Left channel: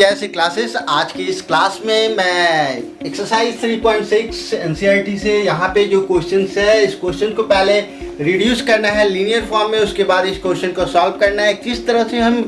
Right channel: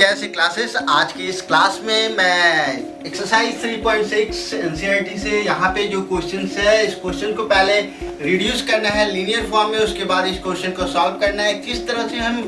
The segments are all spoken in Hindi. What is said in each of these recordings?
जैसे क्लासेस। आज की इस क्लास में मैं एक्सरसाइज 3.6 एनसीईआरटी से यहाँ पे जो क्वेश्चंस है, इस क्वेश्चन को पहले रिड्यूस करना है लीनियर फॉर्म में, उसके बाद इस क्वेश्चन को सॉल्व करना है। किस तरह से हम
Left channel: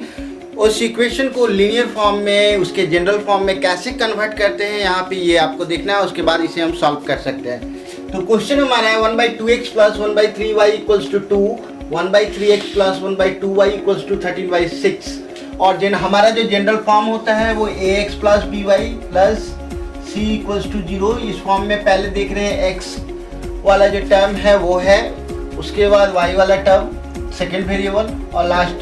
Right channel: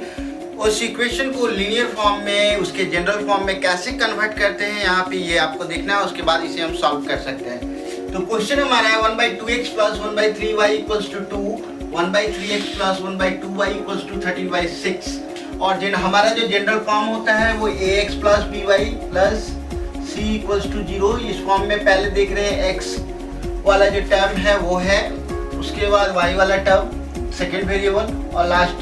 उस इक्वेशन को लीनियर फॉर्म में उसके जनरल फॉर्म में कैसे कन्वर्ट करते हैं, यहाँ पे ये आपको देखना है। उसके बाद इसे हम सॉल्व कर सकते हैं। तो क्वेश्चन हमारा है 1/2x + 1/3y = 2, 1/3x + 1/2y = 13/6 और हमारा जो जनरल फॉर्म होता है वो ax + by + c = 0। इस फॉर्म में पहले देख रहे हैं x वाला जो टर्म है वो है, उसके बाद y वाला टर्म सेकेंड वेरिएबल और लास्ट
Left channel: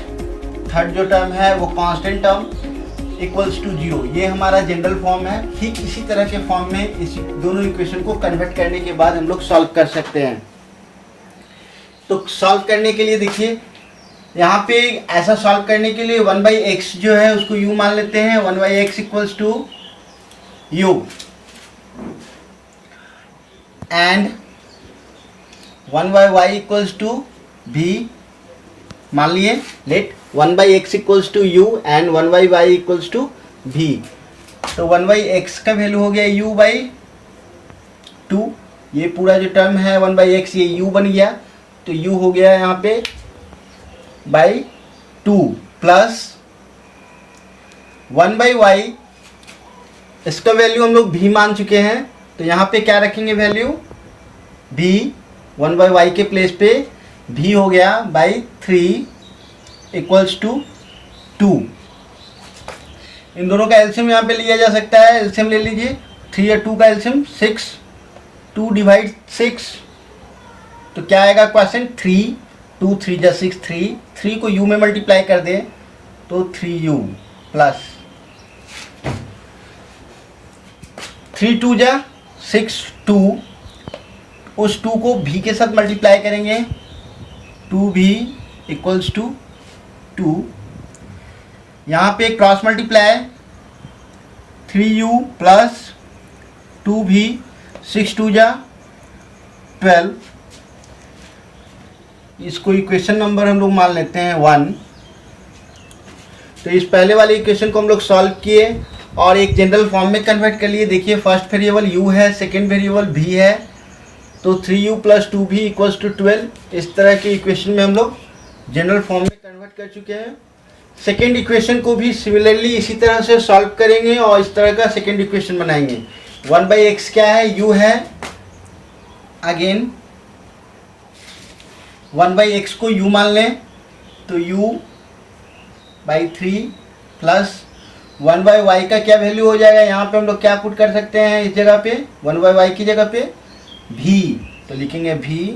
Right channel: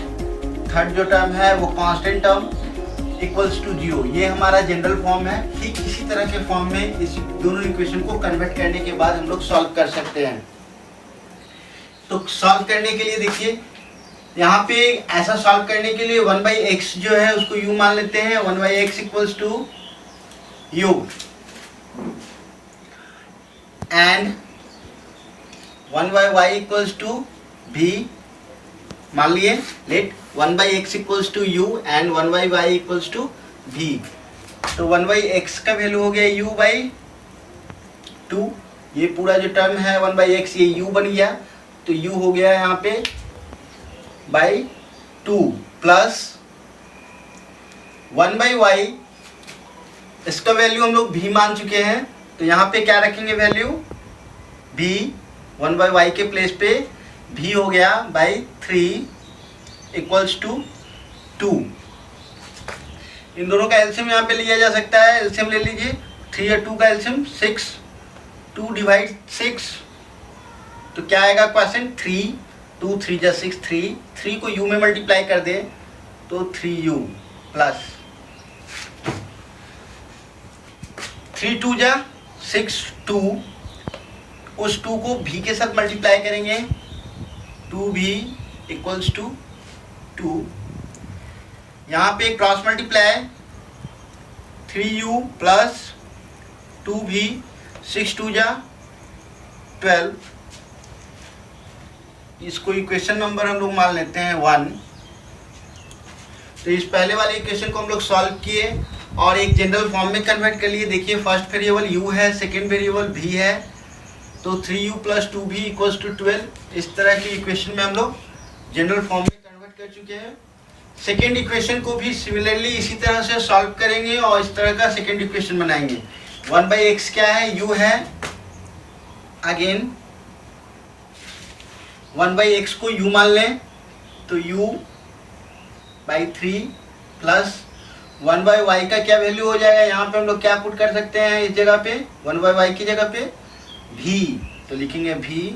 थर्ड जो टर्म है वो कांस्टेंट टर्म = 0। ये हमारा जनरल फॉर्म है। ठीक इसी तरह के फॉर्म में इस दोनों इक्वेशन को कन्वर्ट करने के बाद हम लोग सॉल्व कर सकते हैं। तो सॉल्व करने के लिए देखिए यहाँ पे ऐसा सॉल्व करने के लिए 1/x जो है उसको u मान लेते हैं। 1/x = u and 1/y = v मान लिए। Let 1/x = u and 1/y = v। तो 1/x का वैल्यू हो गया u/2। ये पूरा जो टर्म है 1/x ये u बन गया, तो u हो गया यहाँ पे /2 प्लस 1/y, इसका वैल्यू हम लोग v मान चुके हैं, तो यहाँ पे क्या रखेंगे वैल्यू v। 1/y के प्लेस पे v हो गया /3 = 2। इन दोनों का एलसीएम यहाँ पे लिया जा सकता है। एलसीएम ले लीजिए, 3 और 2 का एलसीएम 6, 2 / 6 तो क्या आएगा क्वेश्चन 3, 2 3 = 6, 3 को u में मल्टीप्लाई कर दें तो 3u प्लस 3 2 = 6, 2 उस 2 को v के साथ मल्टीप्लाई करेंगे, 2v = 2। यहाँ पे cross multiply 3u plus 2v, 6 2 = 12। इसको इक्वेशन नंबर हम लोग मान लेते हैं 1। तो इस पहले वाले इक्वेशन को हम लोग सॉल्व किए और एक जनरल फॉर्म में कन्वर्ट कर लिए। देखिए फर्स्ट वेरिएबल u है, सेकेंड वेरिएबल v है, तो 3u + 2v = 12। इस तरह के इक्वेशन में हम लोग जनरल फॉर्म में कन्वर्ट कर चुके हैं। सेकेंड इक्वेशन को भी सिमिलरली इसी तरह से सॉल्व करेंगे और इस तरह का सेकेंड इक्वेशन बनाएंगे। 1/x क्या है, u है। अगेन 1/x को u मान लें तो u/3 प्लस 1/y का क्या वैल्यू हो जाएगा, यहाँ पे हम लोग क्या पुट कर सकते हैं इस जगह पे, 1/y की जगह पे v, तो लिखेंगे v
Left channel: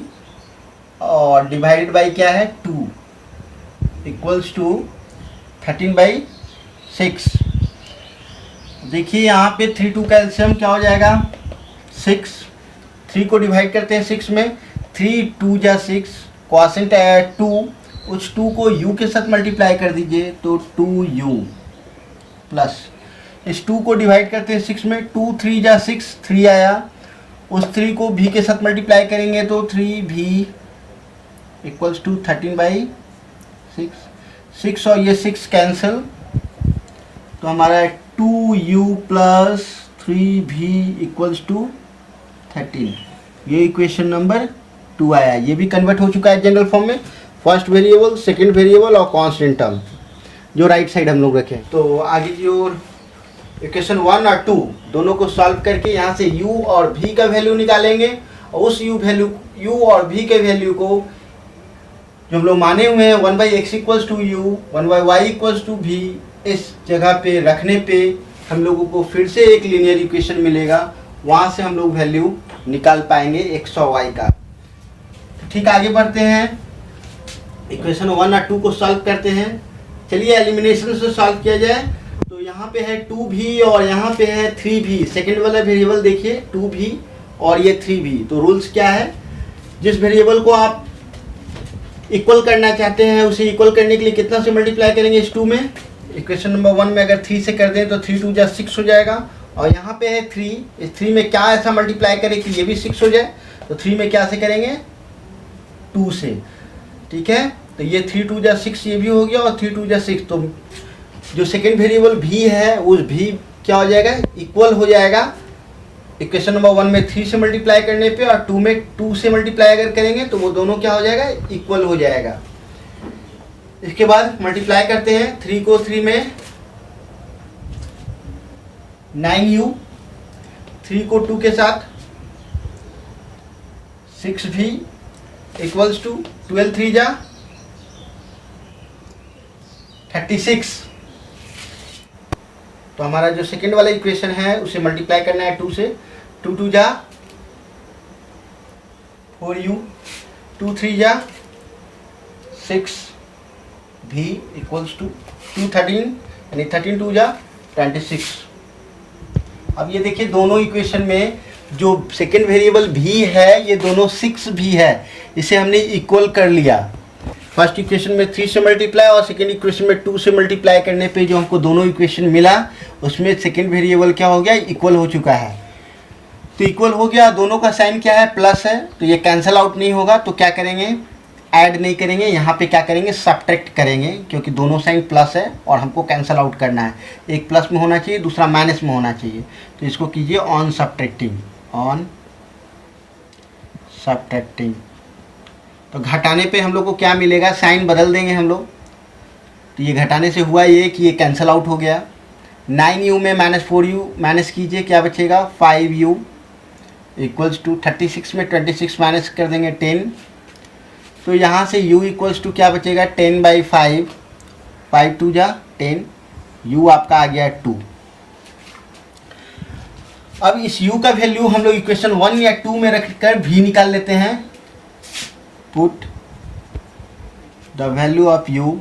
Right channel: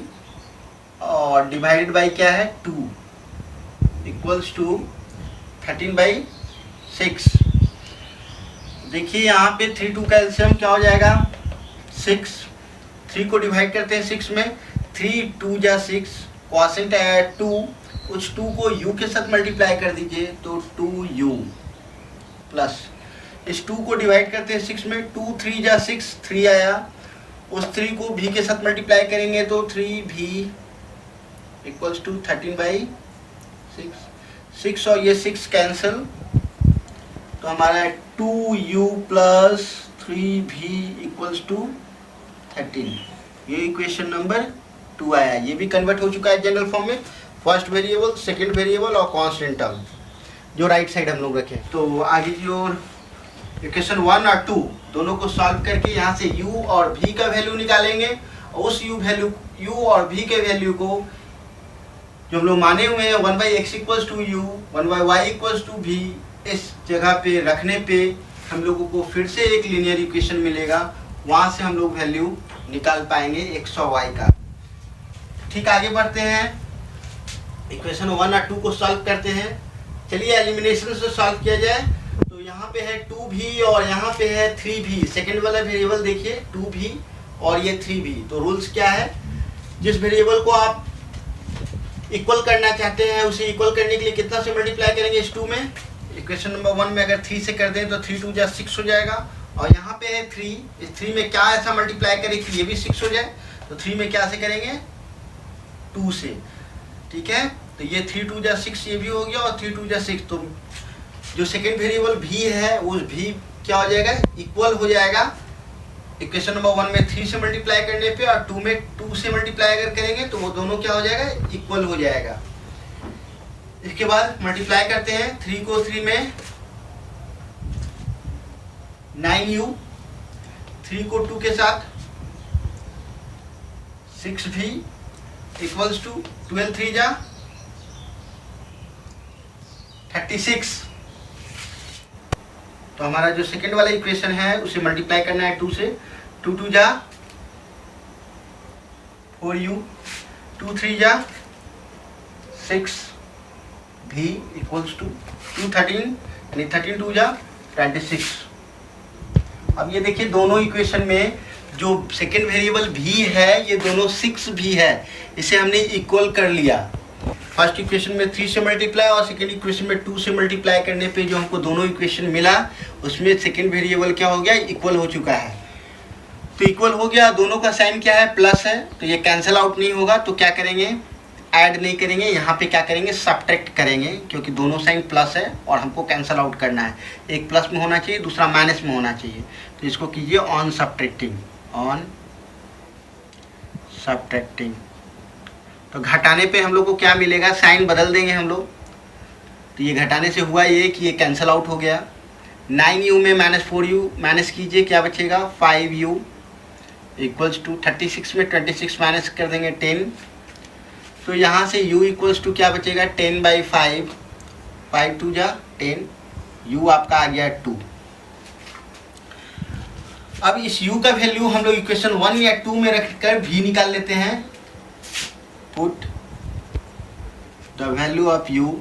और डिवाइडेड बाई क्या है 2 = 13/6। देखिए यहाँ पे 3 2 का एलसीएम क्या हो जाएगा 6। 3 को डिवाइड करते हैं 6 में, 3 2 = 6, क्वॉशेंट है 2, उस 2 को u के साथ मल्टीप्लाई कर दीजिए तो 2u प्लस इस 2 को डिवाइड करते हैं 6 में, 2 3 = 6, 3 आया, उस 3 को v के साथ मल्टीप्लाई करेंगे तो 3v = 13/6। 6 और ये 6 कैंसिल, तो हमारा 2u प्लस 3v = 13। ये इक्वेशन नंबर 2 आया। ये भी कन्वर्ट हो चुका है जनरल फॉर्म में। फर्स्ट वेरिएबल, सेकंड वेरिएबल और कांस्टेंट टर्म जो राइट साइड हम लोग रखे। तो आगे जो इक्वेशन 1 और 2 दोनों को सॉल्व करके यहाँ से u और v का वैल्यू निकालेंगे और उस u और v के वैल्यू को जो हम लोग माने हुए हैं 1/x = u, 1/y = v, इस जगह पे रखने पे हम लोगों को फिर से एक लीनियर इक्वेशन मिलेगा। वहाँ से हम लोग वैल्यू निकाल पाएंगे x और y का। ठीक, आगे बढ़ते हैं, इक्वेशन 1 और 2 को सॉल्व करते हैं। चलिए एलिमिनेशन से सॉल्व किया जाए। तो यहाँ पे है 2v और यहाँ पे है 3v। सेकेंड वाला वेरिएबल देखिए 2v और ये 3v। तो रूल्स क्या है, जिस वेरिएबल को आप इक्वल करना चाहते हैं उसे इक्वल करने के लिए कितना से मल्टीप्लाई करेंगे इस 2 में। इक्वेशन नंबर 1 में अगर 3 से कर दें तो 3 2 = 6 हो जाएगा और यहाँ पे है 3, इस 3 में क्या ऐसा मल्टीप्लाई करें कि ये भी 6 हो जाए, तो 3 में क्या से करेंगे 2 से। ठीक है, तो ये 3 2 = 6 ये भी हो गया और 3 2 = 6, तो जो सेकेंड वेरिएबल भी है उस भी क्या हो जाएगा, इक्वल हो जाएगा इक्वेशन नंबर 1 में 3 से मल्टीप्लाई करने पे, और 2 में 2 से मल्टीप्लाई अगर करेंगे तो वो दोनों क्या हो जाएगा, इक्वल हो जाएगा। इसके बाद मल्टीप्लाई करते हैं 3 को 3 में 9u, 3 को 2 के साथ 6v इक्वल्स टू 12 3 जा 36। तो हमारा जो सेकेंड वाला इक्वेशन है उसे मल्टीप्लाई करना है 2 से, 2 2 जा 4u, 2 3 जा 6v इक्वल्स टू 2 13, यानी 13 2 जा 26। अब ये देखिए दोनों इक्वेशन में जो सेकेंड वेरिएबल भी है ये दोनों 6 भी है, इसे हमने इक्वल कर लिया। फर्स्ट इक्वेशन में 3 से मल्टीप्लाई और सेकेंड इक्वेशन में 2 से मल्टीप्लाई करने पे जो हमको दोनों इक्वेशन मिला उसमें सेकेंड वेरिएबल क्या हो गया, इक्वल हो चुका है। तो इक्वल हो गया, दोनों का साइन क्या है, प्लस है, तो ये कैंसिल आउट नहीं होगा। तो क्या करेंगे, ऐड नहीं करेंगे, यहाँ पे क्या करेंगे, सब्ट्रैक्ट करेंगे, क्योंकि दोनों साइन प्लस है और हमको कैंसिल आउट करना है। एक प्लस में होना चाहिए, दूसरा माइनस में होना चाहिए। तो इसको कीजिए ऑन सब्ट्रैक्टिंग, ऑन सब्ट्रैक्टिंग। तो घटाने पे हम लोग को क्या मिलेगा, साइन बदल देंगे हम लोग। तो ये घटाने से हुआ ये कि ये कैंसिल आउट हो गया। 9u में -4u माइनस कीजिए, क्या बचेगा 5u इक्वल्स टू 36 में 26 माइनस कर देंगे 10। तो यहाँ से u इक्वल्स टू क्या बचेगा 10/5, 5 2 जा 10, u आपका आ गया 2। अब इस u का वैल्यू हम लोग इक्वेशन 1 या 2 में रखकर v निकाल लेते हैं। Put the value of u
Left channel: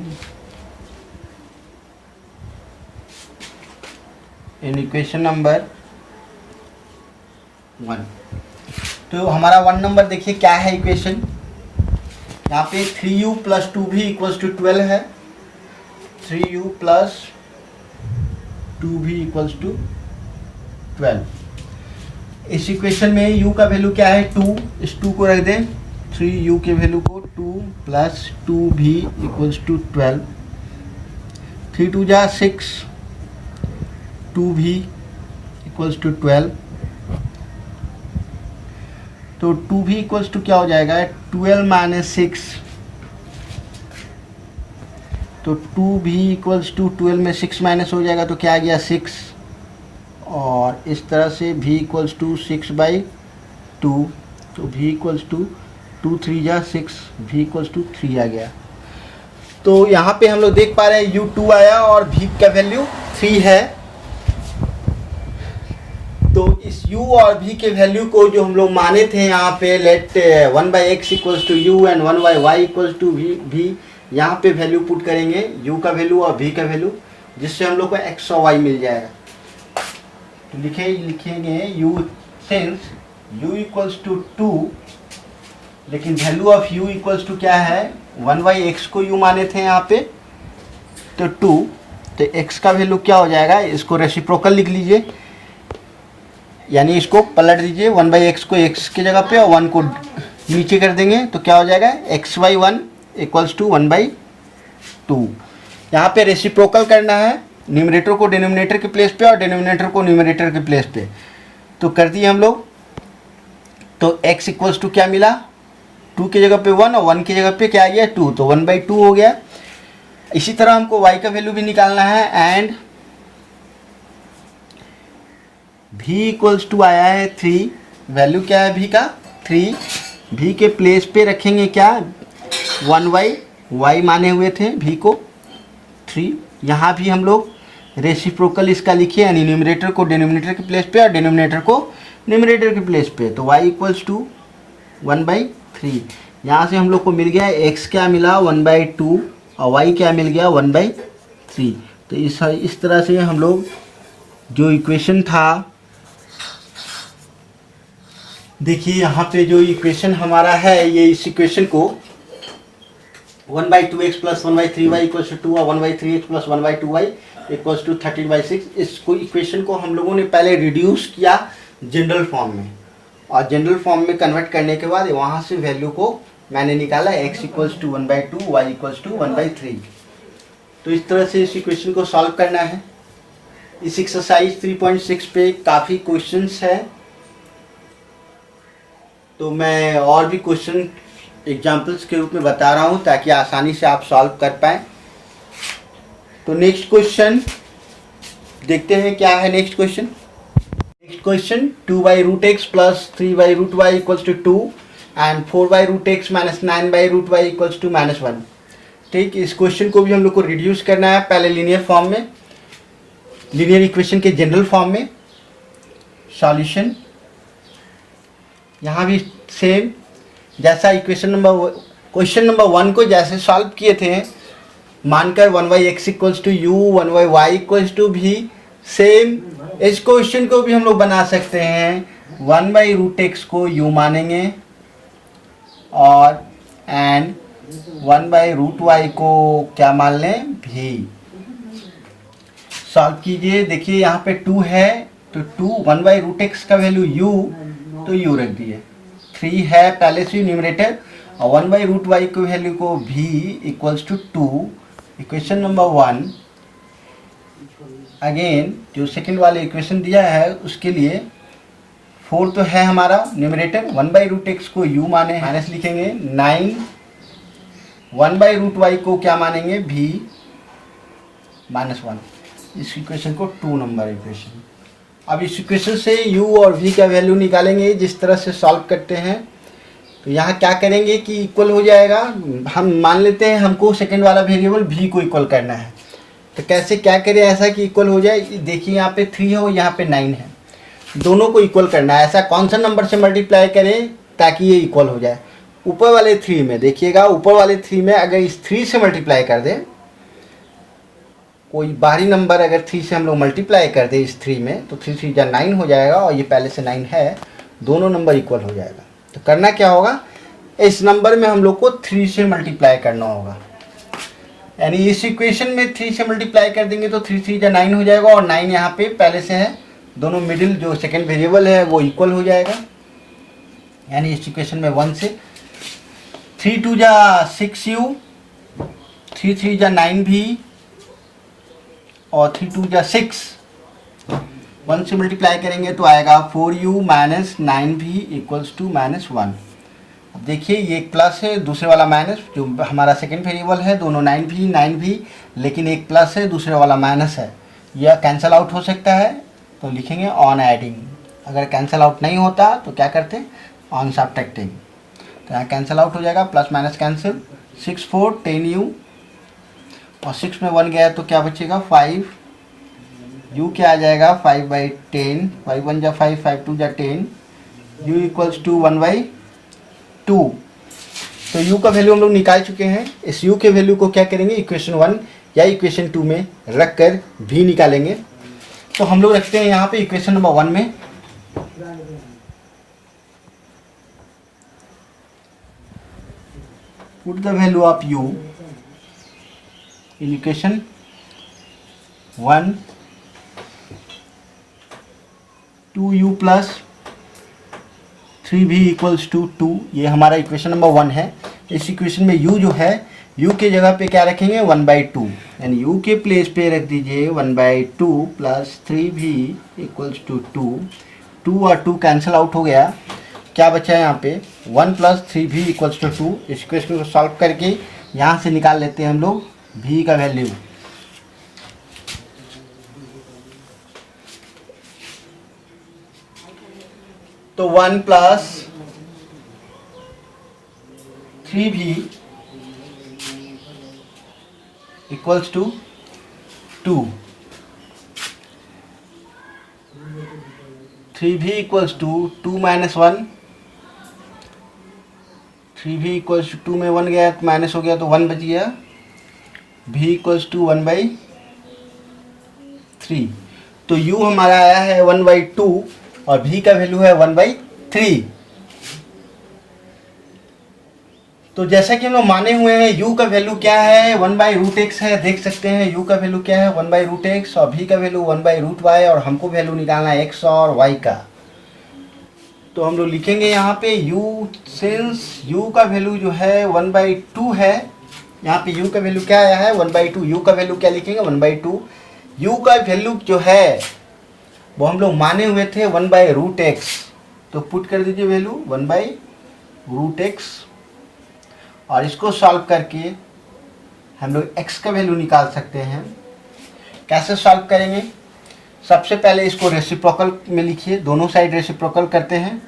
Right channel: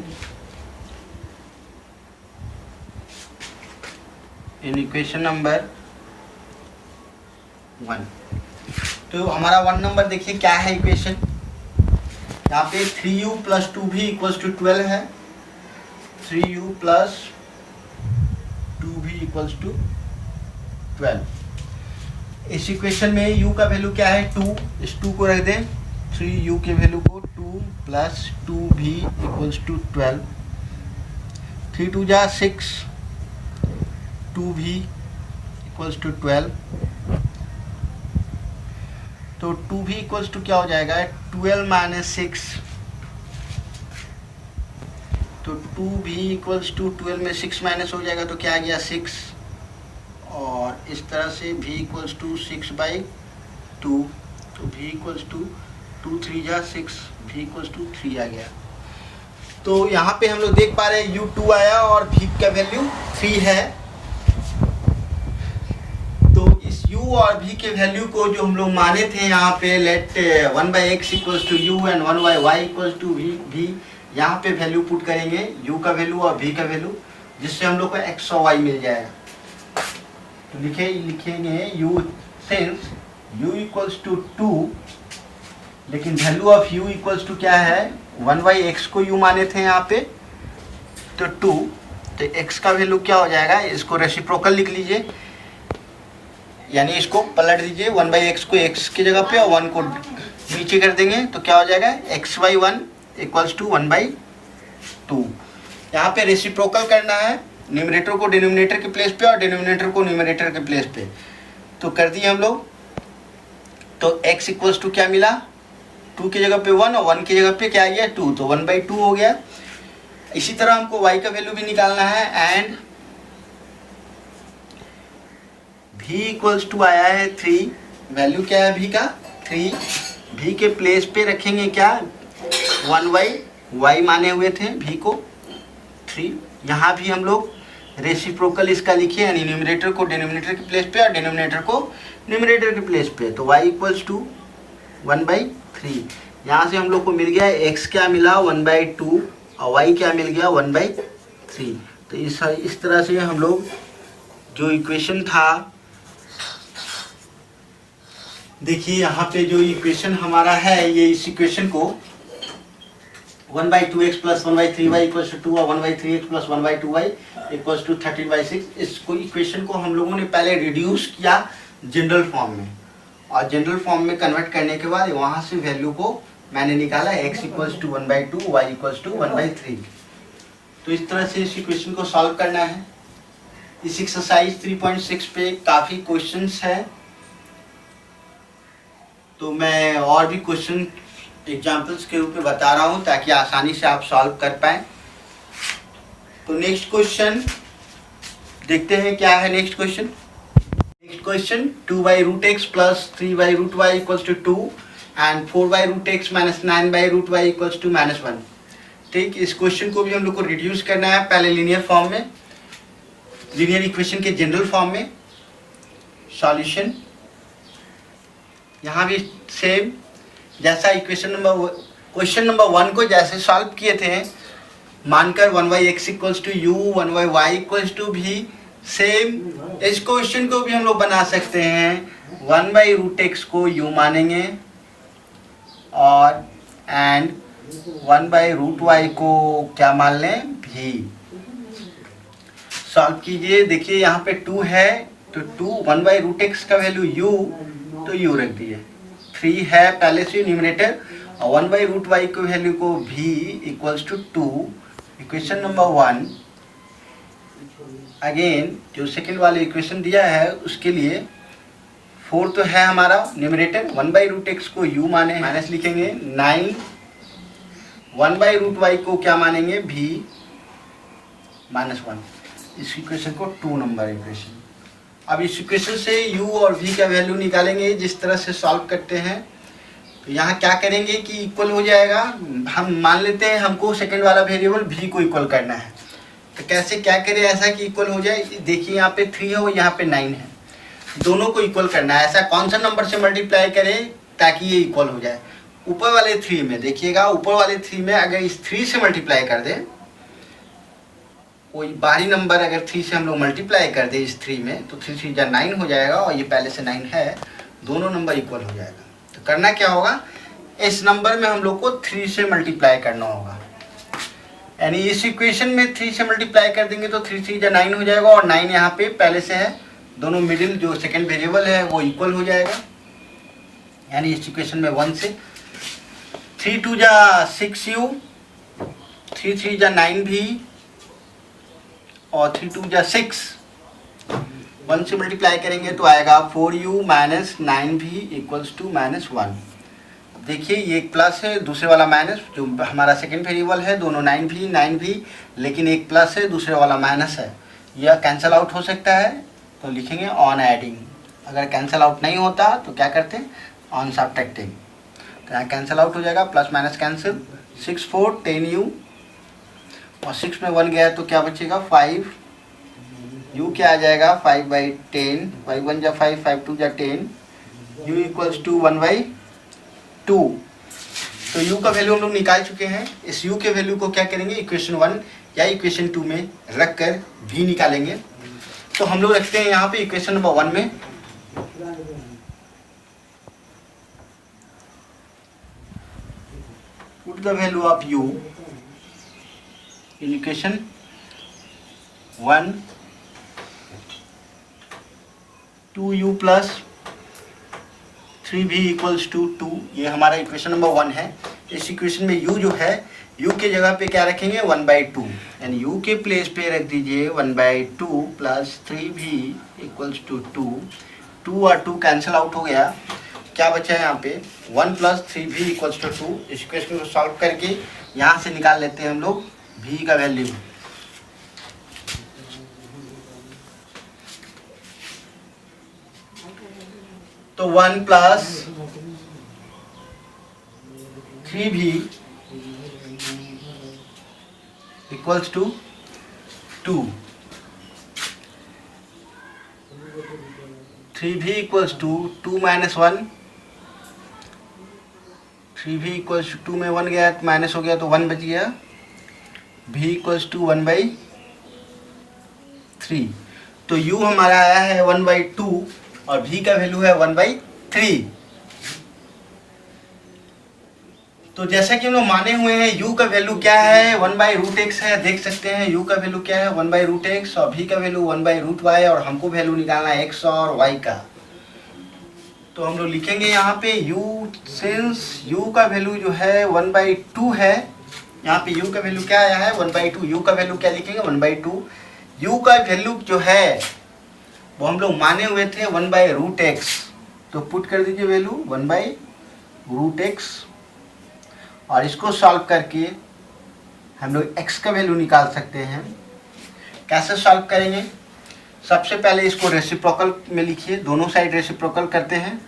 in equation number 1। तो हमारा 1 नंबर देखिए क्या है इक्वेशन, यहाँ पे 3u plus 2v equals to 12 है। 3u plus 2v equals to 12। इस इक्वेशन में u का वैल्यू क्या है 2, इस 2 को रख दें, 3u के वैल्यू को 2 प्लस 2v इक्वल्स टू 12। 3 2 जा 6, 2v इक्वल्स टू 12। तो 2v इक्वल्स टू क्या हो जाएगा 12 माइनस 6। तो 2v इक्वल्स टू 12 में 6 माइनस हो जाएगा, तो क्या आ गया 6। और इस तरह से v इक्वल्स टू 6/2। तो v इक्वल्स टू 2 3 जा 6, v इक्वल्स टू 3 आ गया। तो यहाँ पे हम लोग देख पा रहे हैं u 2 आया और v का वैल्यू 3 है। तो इस u और v के वैल्यू को जो हम लोग माने थे यहाँ पे, let 1/x equals to u and 1/y equals to v, यहाँ पे वैल्यू पुट करेंगे u का वैल्यू और v का वैल्यू, जिससे हम लोग को x और y मिल जाएगा। तो लिखेंगे u since u equals to 2, लेकिन value of u equals to क्या है 1/x को u माने थे यहाँ पे, तो 2। तो x का वैल्यू क्या हो जाएगा, इसको रेसिप्रोकल लिख लीजिए, यानी इसको पलट दीजिए, 1/x को x की जगह पे और 1 को नीचे कर देंगे, तो क्या हो जाएगा x/1 इक्वल्स टू 1/2। यहाँ पे रेसिप्रोकल करना है, न्यूमरेटर को डिनोमिनेटर के प्लेस पे और डिनोमिनेटर को न्यूमरेटर के प्लेस पे। तो कर दिए हम लोग। तो x इक्वल्स टू क्या मिला, 2 की जगह पे 1 और 1 की जगह पे क्या आ गया 2, तो 1/2 हो गया। इसी तरह हमको y का वैल्यू भी निकालना है, एंड v इक्वल्स टू आया है 3। वैल्यू क्या है v का 3, v के प्लेस पे रखेंगे क्या 1/y माने हुए थे v को 3। यहाँ भी हम लोग रेसिप्रोकल इसका लिखिए, यानी न्यूमरेटर को डिनोमिनेटर के प्लेस पे और डिनोमिनेटर को न्यूमरेटर के प्लेस पे। तो y इक्वल्स टू 1/3। यहाँ से हम लोग को मिल गया x क्या मिला 1/2 और y क्या मिल गया 1/3। तो इस तरह से हम लोग जो इक्वेशन था, देखिए यहाँ पे जो इक्वेशन हमारा है, ये इस इक्वेशन को 1/2x plus 1/3y equals to 2 और 1/3x plus 1/2y equals to 13/6, इसको इक्वेशन को हम लोगों ने पहले रिड्यूस किया जनरल फॉर्म में, और जनरल फॉर्म में कन्वर्ट करने के बाद वहाँ से वैल्यू को मैंने निकाला x equals to 1/2, y equals to 1/3। तो इस तरह से इस इक्वेशन को सॉल्व करना है। इस एक्सरसाइज 3.6 पे काफ़ी क्वेश्चंस है, तो मैं और भी क्वेश्चन एग्जाम्पल्स के रूप में बता रहा हूँ ताकि आसानी से आप सॉल्व कर पाएँ। तो नेक्स्ट क्वेश्चन देखते हैं क्या है। Next question 2/√x plus 3/√y equals to 2 and 4/√x minus 9/√y equals to -1। ठीक, इस क्वेश्चन को भी हम लोग को रिड्यूस करना है, पहले लीनियर फॉर्म में, लीनियर इक्वेशन के जनरल फॉर्म में। सॉल्यूशन यहाँ भी सेम, जैसा क्वेश्चन नंबर 1 को जैसे सॉल्व किए थे, मानकर 1/x equals to u, 1/y equals to v, same इस क्वेश्चन को भी हम लोग बना सकते हैं। 1/√x को u मानेंगे और एंड 1/√y को क्या मान लें, v। सॉल्व कीजिए, देखिए यहाँ पे 2 है तो 1/√x का वैल्यू u, तो u रख दिए। 3 है पहले से न्यूमरेटर, और 1/√y की वैल्यू को v equals to 2। Equation number 1 again जो सेकंड वाले इक्वेशन दिया है उसके लिए 4 तो है हमारा न्यूमरेटर, 1/√x को u माने माइनस लिखेंगे, 9 1/√y को क्या मानेंगे, v -1। इस इक्वेशन को 2 नंबर इक्वेशन। अब इस इक्वेशन से u और v का वैल्यू निकालेंगे जिस तरह से सॉल्व करते हैं। तो यहाँ क्या करेंगे कि इक्वल हो जाएगा, हम मान लेते हैं हमको सेकंड वाला वेरिएबल v को इक्वल करना है। तो कैसे क्या करें ऐसा कि इक्वल हो जाए, देखिए यहाँ पे 3 है और यहाँ पे 9 है, दोनों को इक्वल करना है। ऐसा कौन सा नंबर से मल्टीप्लाई करें ताकि ये इक्वल हो जाए। ऊपर वाले 3 में देखिएगा, ऊपर वाले 3 में अगर इस 3 से मल्टीप्लाई कर दें, कोई बाहरी नंबर अगर 3 से हम लोग मल्टीप्लाई कर दें इस 3 में, तो 3 3 9 हो जाएगा, और ये पहले से 9 है, दोनों नंबर इक्वल हो जाएगा। तो करना क्या होगा, इस नंबर में हम लोग को 3 से मल्टीप्लाई करना होगा, यानी इस इक्वेशन में 3 से मल्टीप्लाई कर देंगे तो 3 3 9 हो जाएगा, और 9 यहाँ पे पहले से है, दोनों मिडिल जो सेकेंड वेरिएबल है वो इक्वल हो जाएगा। यानी इस इक्वेशन में 1 से 3 2 6u, 3 3 9v, और 3 2 6, 1 से मल्टीप्लाई करेंगे तो आएगा 4u minus 9v equals to -1। अब देखिए ये प्लस है, दूसरे वाला माइनस, जो हमारा सेकेंड वेरिएबल है, दोनों 9v, लेकिन एक प्लस है, दूसरे वाला माइनस है, यह कैंसिल आउट हो सकता है, तो लिखेंगे ऑन एडिंग। अगर कैंसिल आउट नहीं होता तो क्या करते हैं, ऑन सब्ट्रैक्टिंग। तो यहाँ कैंसिल आउट हो जाएगा, प्लस माइनस कैंसिल, 6 4 10u, और 6 में 1 गया तो क्या बचेगा 5, u क्या आ जाएगा 5/10, 5 1 5, 5 2 10, u इक्वल्स टू 1/2। तो u का वैल्यू हम लोग निकाल चुके हैं। इस u के वैल्यू को क्या करेंगे, इक्वेशन 1 या इक्वेशन 2 में रख कर v निकालेंगे। तो हम लोग रखते हैं यहाँ पे इक्वेशन नंबर 1 में, put the value of u in equation 1, 2u plus 3v equals to 2, ये हमारा इक्वेशन नंबर 1 है। इस इक्वेशन में u जो है, u के जगह पे क्या रखेंगे 1/2, यानी u के प्लेस पे रख दीजिए 1/2 प्लस 3v इक्वल्स टू 2, 2 और 2 कैंसिल आउट हो गया, क्या बचा है यहाँ पे 1 प्लस 3v इक्वल्स टू 2। इस इक्वेशन को सॉल्व करके यहाँ से निकाल लेते हैं हम लोग v का वैल्यू। तो 1 plus 3v equals to 2, 3v equals to 2 minus 1, 3v equals to 2 में 1 गया माइनस हो गया तो 1 बच गया, v इक्वल्स टू 1/3। तो u हमारा आया है 1/2 और v का वैल्यू है 1/3। तो जैसा कि हम लोग माने हुए हैं u का वैल्यू क्या है 1/√x है, देख सकते हैं u का वैल्यू क्या है 1/√x और v का वैल्यू 1/√y, और हमको वैल्यू निकालना है x और y का। तो हम लोग लिखेंगे यहाँ पे u, सिंस u का वैल्यू जो है 1/2 है, यहाँ पे u का वैल्यू क्या आया है 1/2। u का वैल्यू क्या लिखेंगे 1/2। u का वैल्यू जो है वो हम लोग माने हुए थे 1/√x, तो पुट कर दीजिए वैल्यू 1/√x और इसको सॉल्व करके हम लोग x का वैल्यू निकाल सकते हैं। कैसे सॉल्व करेंगे? सबसे पहले इसको रेसिप्रोकल में लिखिए, दोनों साइड रेसिप्रोकल करते हैं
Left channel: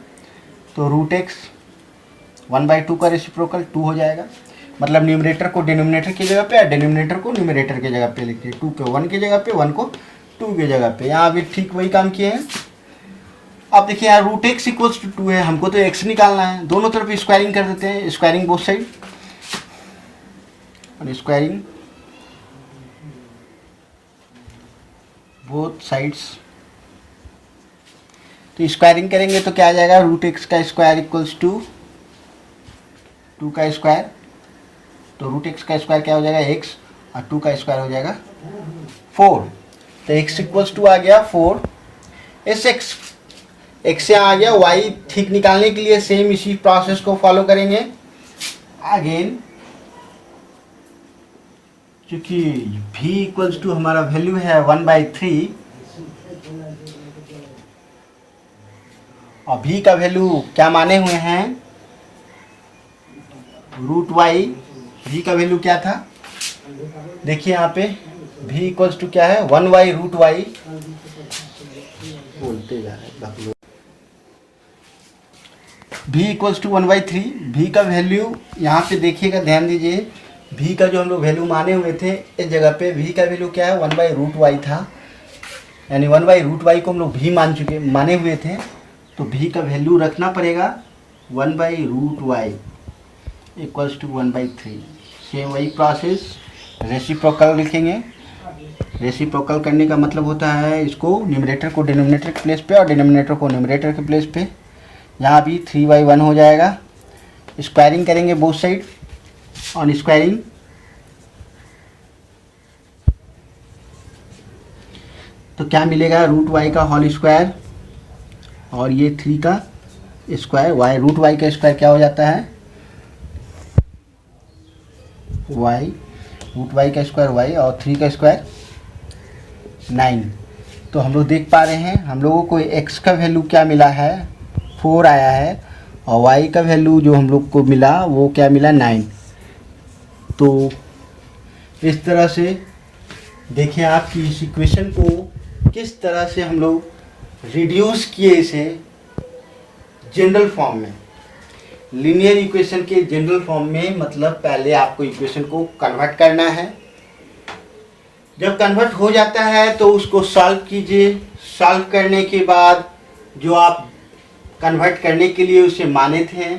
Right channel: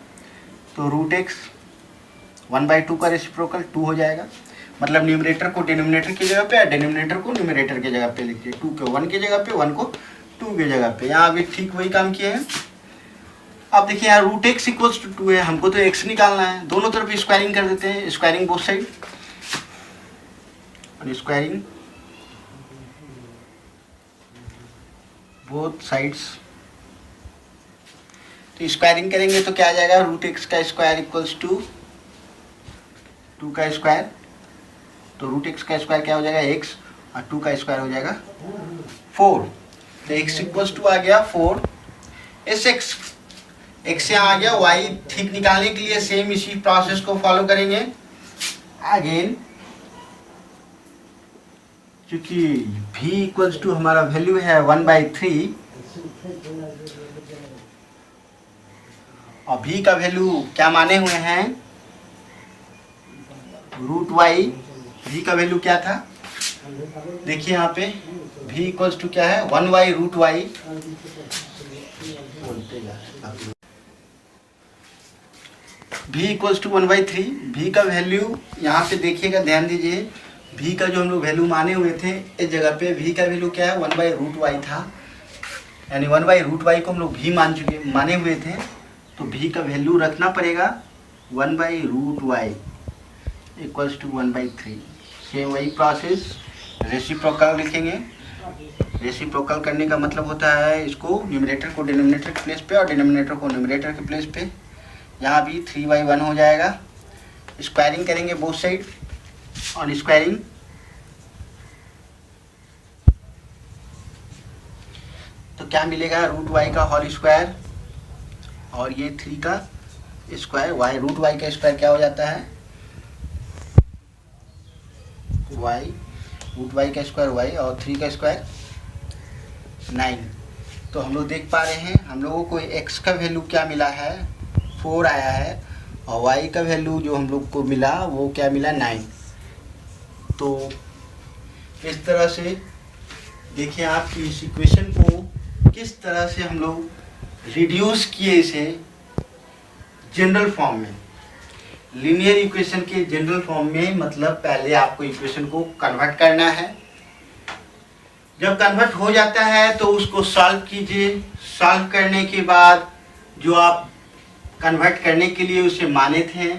तो √x 1/2 का रेसिप्रोकल 2 हो जाएगा। मतलब न्यूमरेटर को डिनोमिनेटर की जगह पे और डिनोमिनेटर को न्यूमरेटर की जगह पे लिखिए। 2 को 1 की जगह पे, 1 को 2 की जगह पे। यहाँ भी ठीक वही काम किए हैं। अब देखिए यहाँ √x इक्वल्स टू 2 है, हमको तो x निकालना है। दोनों तरफ स्क्वायरिंग कर देते हैं, स्क्वायरिंग बोथ साइड और स्क्वायरिंग बोथ साइड्स। तो स्क्वायरिंग करेंगे तो क्या आ जाएगा √x का स्क्वायर इक्वल्स टू 2 का स्क्वायर, तो √x का स्क्वायर क्या हो जाएगा x और 2 का स्क्वायर हो जाएगा 4। तो x इक्वल्स टू आ गया 4। इस x यहाँ आ गया। y ठीक निकालने के लिए सेम इसी प्रोसेस को फॉलो करेंगे अगेन, क्योंकि v इक्वल्स टू हमारा वैल्यू है 1/3 और v का वैल्यू क्या माने हुए हैं √y। v का वैल्यू क्या था देखिए यहाँ पे v इक्वल्स टू क्या है 1/√y बोलते जाते। v equals to 1/3। v का वैल्यू यहाँ पे देखिएगा, ध्यान दीजिए, v का जो हम लोग वैल्यू माने हुए थे इस जगह पे v का वैल्यू क्या है 1/√y था, यानी 1/√y को हम लोग v माने हुए थे, तो v का वैल्यू रखना पड़ेगा 1/√y इक्वल्स टू 1/3। सेम वही प्रोसेस रेसिप्रोकल लिखेंगे। रेसिप्रोकल करने का मतलब होता है इसको न्यूमरेटर को डिनोमिनेटर के प्लेस पे और डिनोमिनेटर को न्यूमरेटर के प्लेस पे। यहाँ भी 3/1 हो जाएगा। स्क्वायरिंग करेंगे बोथ साइड और स्क्वायरिंग तो क्या मिलेगा √y का होल स्क्वायर और ये 3 का स्क्वायर। √y का स्क्वायर क्या हो जाता है y, √y का स्क्वायर y और 3 का स्क्वायर 9। तो हम लोग देख पा रहे हैं हम लोगों को x का वैल्यू क्या मिला है 4 आया है और y का वैल्यू जो हम लोग को मिला वो क्या मिला 9। तो इस तरह से देखिए आपकी इस इक्वेशन को किस तरह से हम लोग रिड्यूस किए इसे जनरल फॉर्म में, लीनियर इक्वेशन के जनरल फॉर्म में। मतलब पहले आपको इक्वेशन को कन्वर्ट करना है, जब कन्वर्ट हो जाता है तो उसको सॉल्व कीजिए। सॉल्व करने के बाद जो आप कन्वर्ट करने के लिए उसे माने थे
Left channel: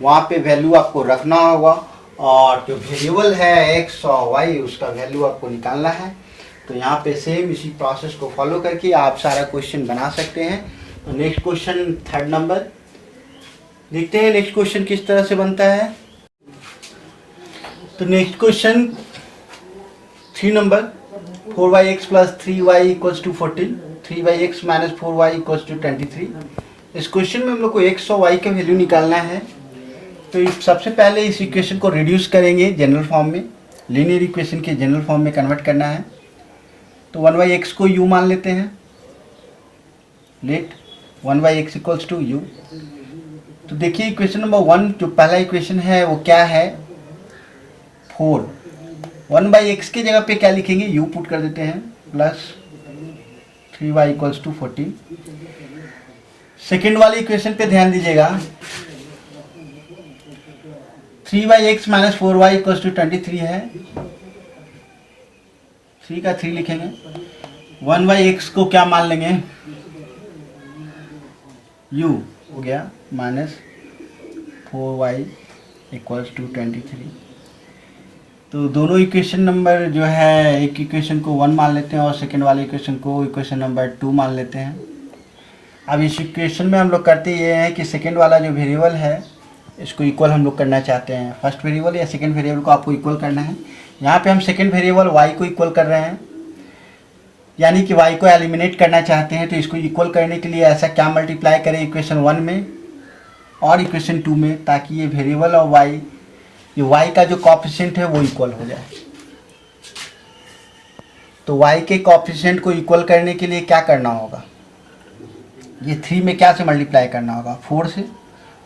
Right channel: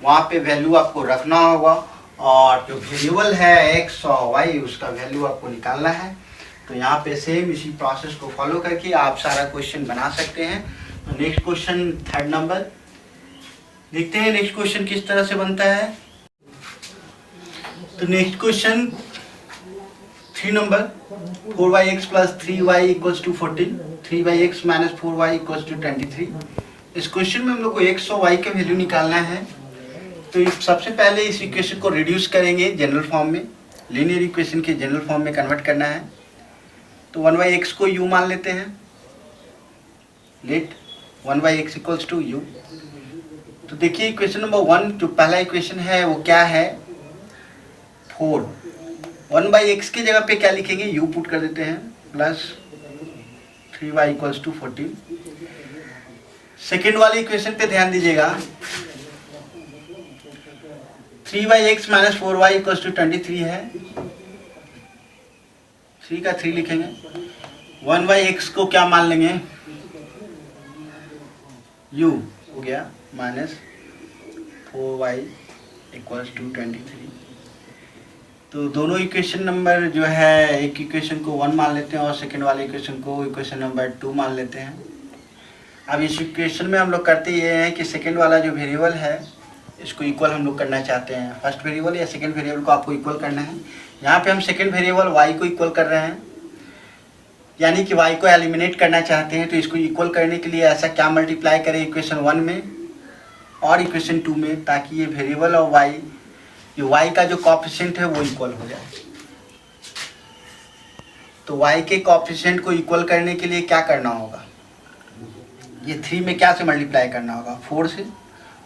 वहाँ पे वैल्यू आपको रखना होगा और जो वेरिएबल है x और y उसका वैल्यू आपको निकालना है। तो यहाँ पे सेम इसी प्रोसेस को फॉलो करके आप सारा क्वेश्चन बना सकते हैं। तो नेक्स्ट क्वेश्चन 3rd नंबर देखते हैं नेक्स्ट क्वेश्चन किस तरह से बनता है। तो next question 3 number 4x plus 3y equals to 40, 3x minus 4y equals to 23। इस क्वेश्चन में हम लोग को x और y का वैल्यू निकालना है। तो सबसे पहले इस इक्वेशन को रिड्यूस करेंगे जनरल फॉर्म में, लीनियर इक्वेशन के जनरल फॉर्म में कन्वर्ट करना है। तो 1/x को u मान लेते हैं। Let 1/x equals to u। तो देखिए इक्वेशन नंबर 1 जो पहला इक्वेशन है वो क्या है 4। 1/x की जगह पे क्या लिखेंगे u पुट कर देते हैं plus 3y equals to 40। Second वाली इक्वेशन पे ध्यान दीजिएगा 3x minus 4y equals to 23 है। 3 का 3 लिखेंगे। 1/x को क्या मान लेंगे u हो गया माइनस 4y इक्वल्स टू 23। तो दोनों इक्वेशन नंबर जो है एक इक्वेशन को 1 मान लेते हैं और सेकेंड वाले इक्वेशन को इक्वेशन नंबर 2 मान लेते हैं। अब इस इक्वेशन में हम लोग करते ये हैं कि सेकेंड वाला जो वेरिएबल है इसको इक्वल हम लोग करना चाहते हैं। फर्स्ट वेरिएबल या सेकेंड वेरिएबल को आपको इक्वल करना है। यहाँ पे हम सेकेंड वेरिएबल y को इक्वल कर रहे हैं, यानी कि y को एलिमिनेट करना चाहते हैं। तो इसको इक्वल करने के लिए ऐसा क्या मल्टीप्लाई करें इक्वेशन 1 में और इक्वेशन 2 में, ताकि ये वेरिएबल और y कि y का जो कॉफिशिएंट है वो इक्वल हो जाए। तो y के कॉफिशिएंट को इक्वल करने के लिए क्या करना होगा, ये 3 में क्या से मल्टीप्लाई करना होगा, 4 से।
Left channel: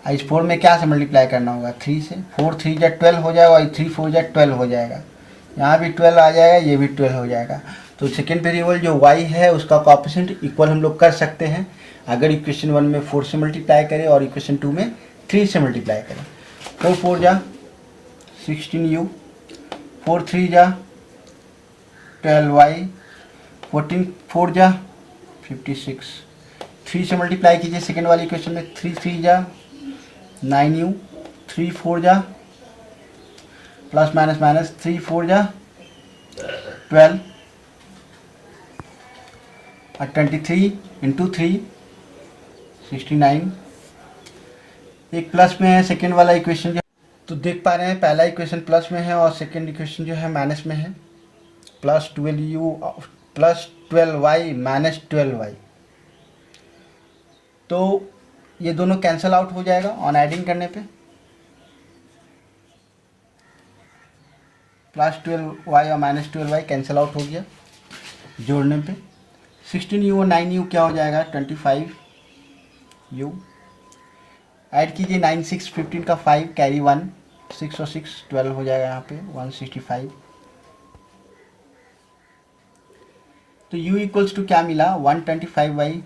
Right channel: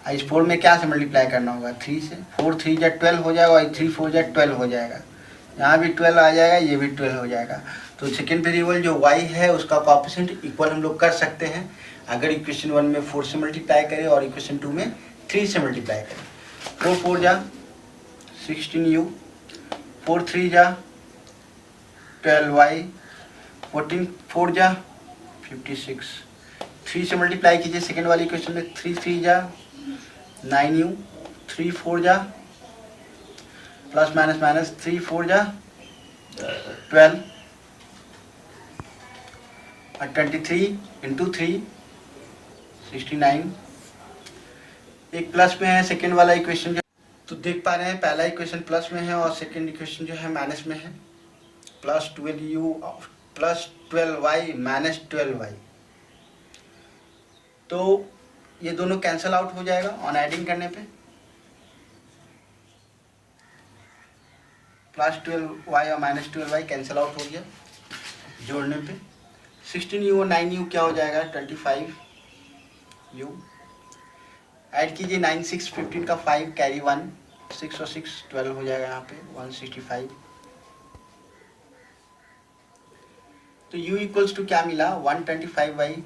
इस 4 में क्या से मल्टीप्लाई करना होगा, 3 से। 4 3 जा 12 हो जाएगा और 3 4 जा 12 हो जाएगा। यहाँ भी 12 आ जाएगा, ये भी 12 हो जाएगा। तो सेकेंड वेरिएबल जो y है उसका कॉफिशिएंट इक्वल हम लोग कर सकते हैं अगर इक्वेशन 1 में 4 से मल्टीप्लाई करें और इक्वेशन 2 में 3 से मल्टीप्लाई करें। 4 4 जा 16u, 4 3 जा 12y, 14 4 जा 56। 3 से मल्टीप्लाई कीजिए सेकेंड वाली इक्वेशन में, 3 3 जा 9u, 3 4 जा प्लस माइनस माइनस 3 4 जा 12 और 23 इंटू 3 69। एक प्लस में है सेकेंड वाला इक्वेशन, तो देख पा रहे हैं पहला इक्वेशन प्लस में है और सेकेंड इक्वेशन जो है माइनस में है। Plus 12u plus 12y minus 12y, तो ये दोनों कैंसिल आउट हो जाएगा ऑन एडिंग करने पे। प्लस 12y और माइनस 12y कैंसिल आउट हो गया जोड़ने पे। 16u और 9u क्या हो जाएगा, 25u। ऐड कीजिए 9 6 15 का 5 कैरी 1, 6 और 6 12 हो जाएगा यहाँ पे 165। तो u इक्वल्स टू क्या मिला, 125/25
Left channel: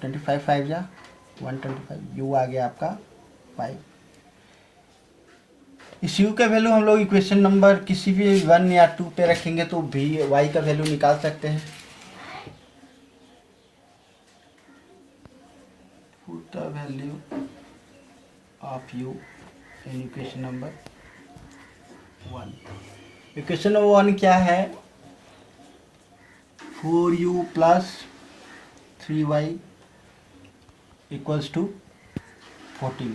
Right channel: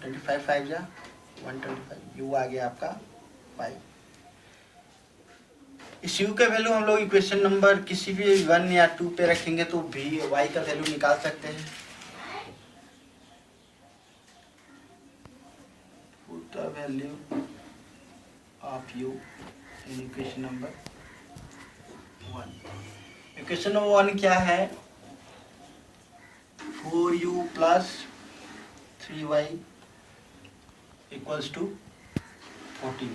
25 5 जा 125, u आ गया आपका 5। इस u का वैल्यू हम लोग इक्वेशन नंबर किसी भी 1 या 2 पे रखेंगे तो भी y का वैल्यू निकाल सकते हैं। Put the value of u in equation number 1। Equation number 1 क्या है, 4u plus 3y equals to 14।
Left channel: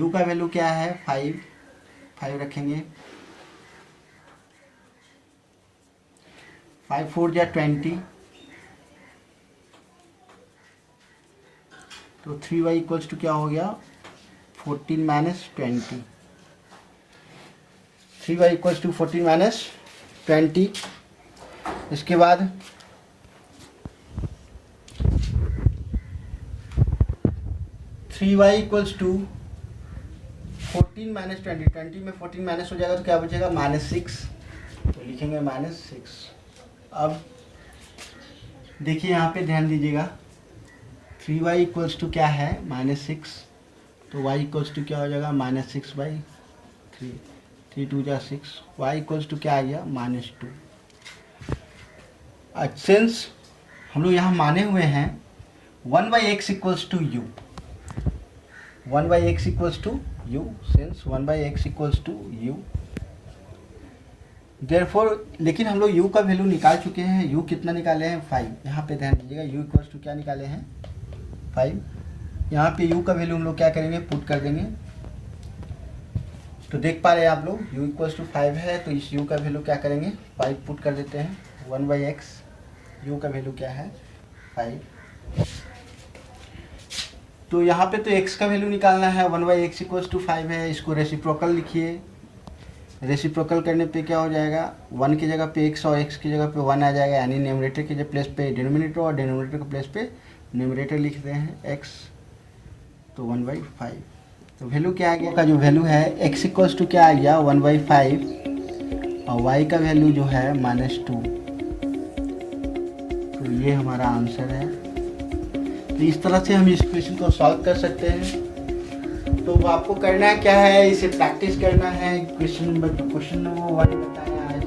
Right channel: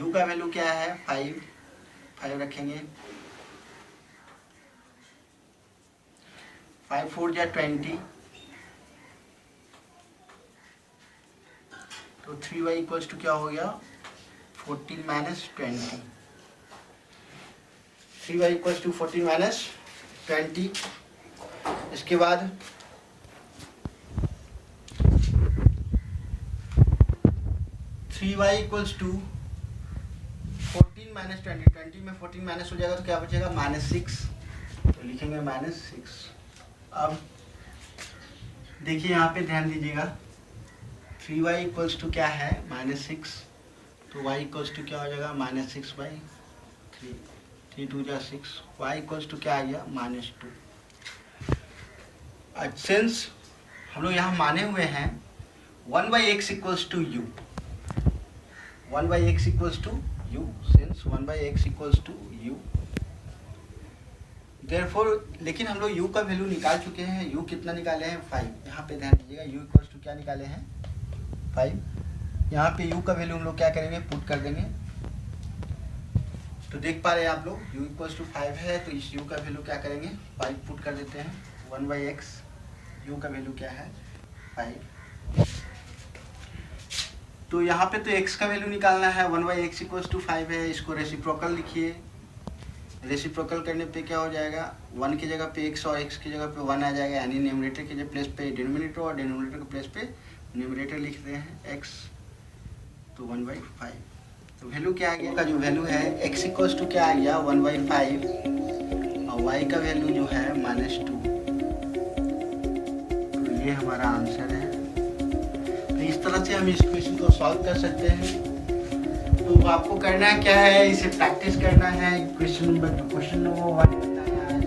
u का वैल्यू क्या है, 5 रखेंगे। 5 4 जा 20, तो 3y इक्वल्स टू क्या हो गया, 14 minus 20। 3y equals to 14 minus 20। इसके बाद 3y इक्वल्स टू 14 माइनस 20, 20 में 14 माइनस हो जाएगा तो क्या बचेगा, -6। तो लिखेंगे -6। अब देखिए यहाँ पे ध्यान दीजिएगा, 3y इक्वल्स टू क्या है, -6, तो y इक्वल्स टू क्या हो जाएगा, -6/3, 3 2 जा 6, y इक्वल्स टू क्या आ गया, -2। सिंस हम लोग यहाँ माने हुए हैं 1/x equals to u, 1/x equals to u, since 1/x equals to u, therefore, लेकिन हम लोग u का वैल्यू निकाल चुके हैं। u कितना निकाले हैं, 5। यहाँ पे ध्यान दीजिएगा, u इक्वल्स टू क्या निकाले हैं, 5। यहाँ पे u का वैल्यू हम लोग क्या करेंगे, पुट कर देंगे। तो देख पा रहे हैं आप लोग u इक्वल्स टू 5 है, तो इस u का वैल्यू क्या करेंगे, 5 पुट कर देते हैं। 1/x, u का वैल्यू क्या है, 5। तो यहाँ पे तो x का वैल्यू निकालना है, 1/x इक्वल्स टू 5 है। इसको रेसिप्रोकल लिखिए, रेसिप्रोकल करने पे क्या हो जाएगा, 1 की जगह पे x और x की जगह पे 1 आ जाएगा, यानी न्यूमरेटर के प्लेस पे डिनोमिनेटर और डिनोमिनेटर के प्लेस पे न्यूमरेटर लिखते हैं x, तो 1/5। तो वैल्यू क्या आ गया, का जो वैल्यू है x इक्वल्स टू क्या आ गया, 1/5 और y का वैल्यू जो है -2। तो ये हमारा आंसर है। तो इस तरह से हम इस क्वेश्चन को सॉल्व कर सकते हैं। तो आपको करना क्या है, इसे प्रैक्टिस करना है। क्वेश्चन नंबर 1 बताया आज,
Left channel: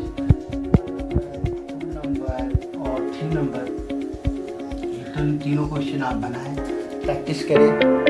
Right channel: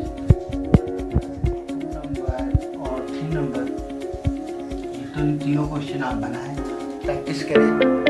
2 नंबर और 3 नंबर, तीनों क्वेश्चन आप बनाएं, प्रैक्टिस करें।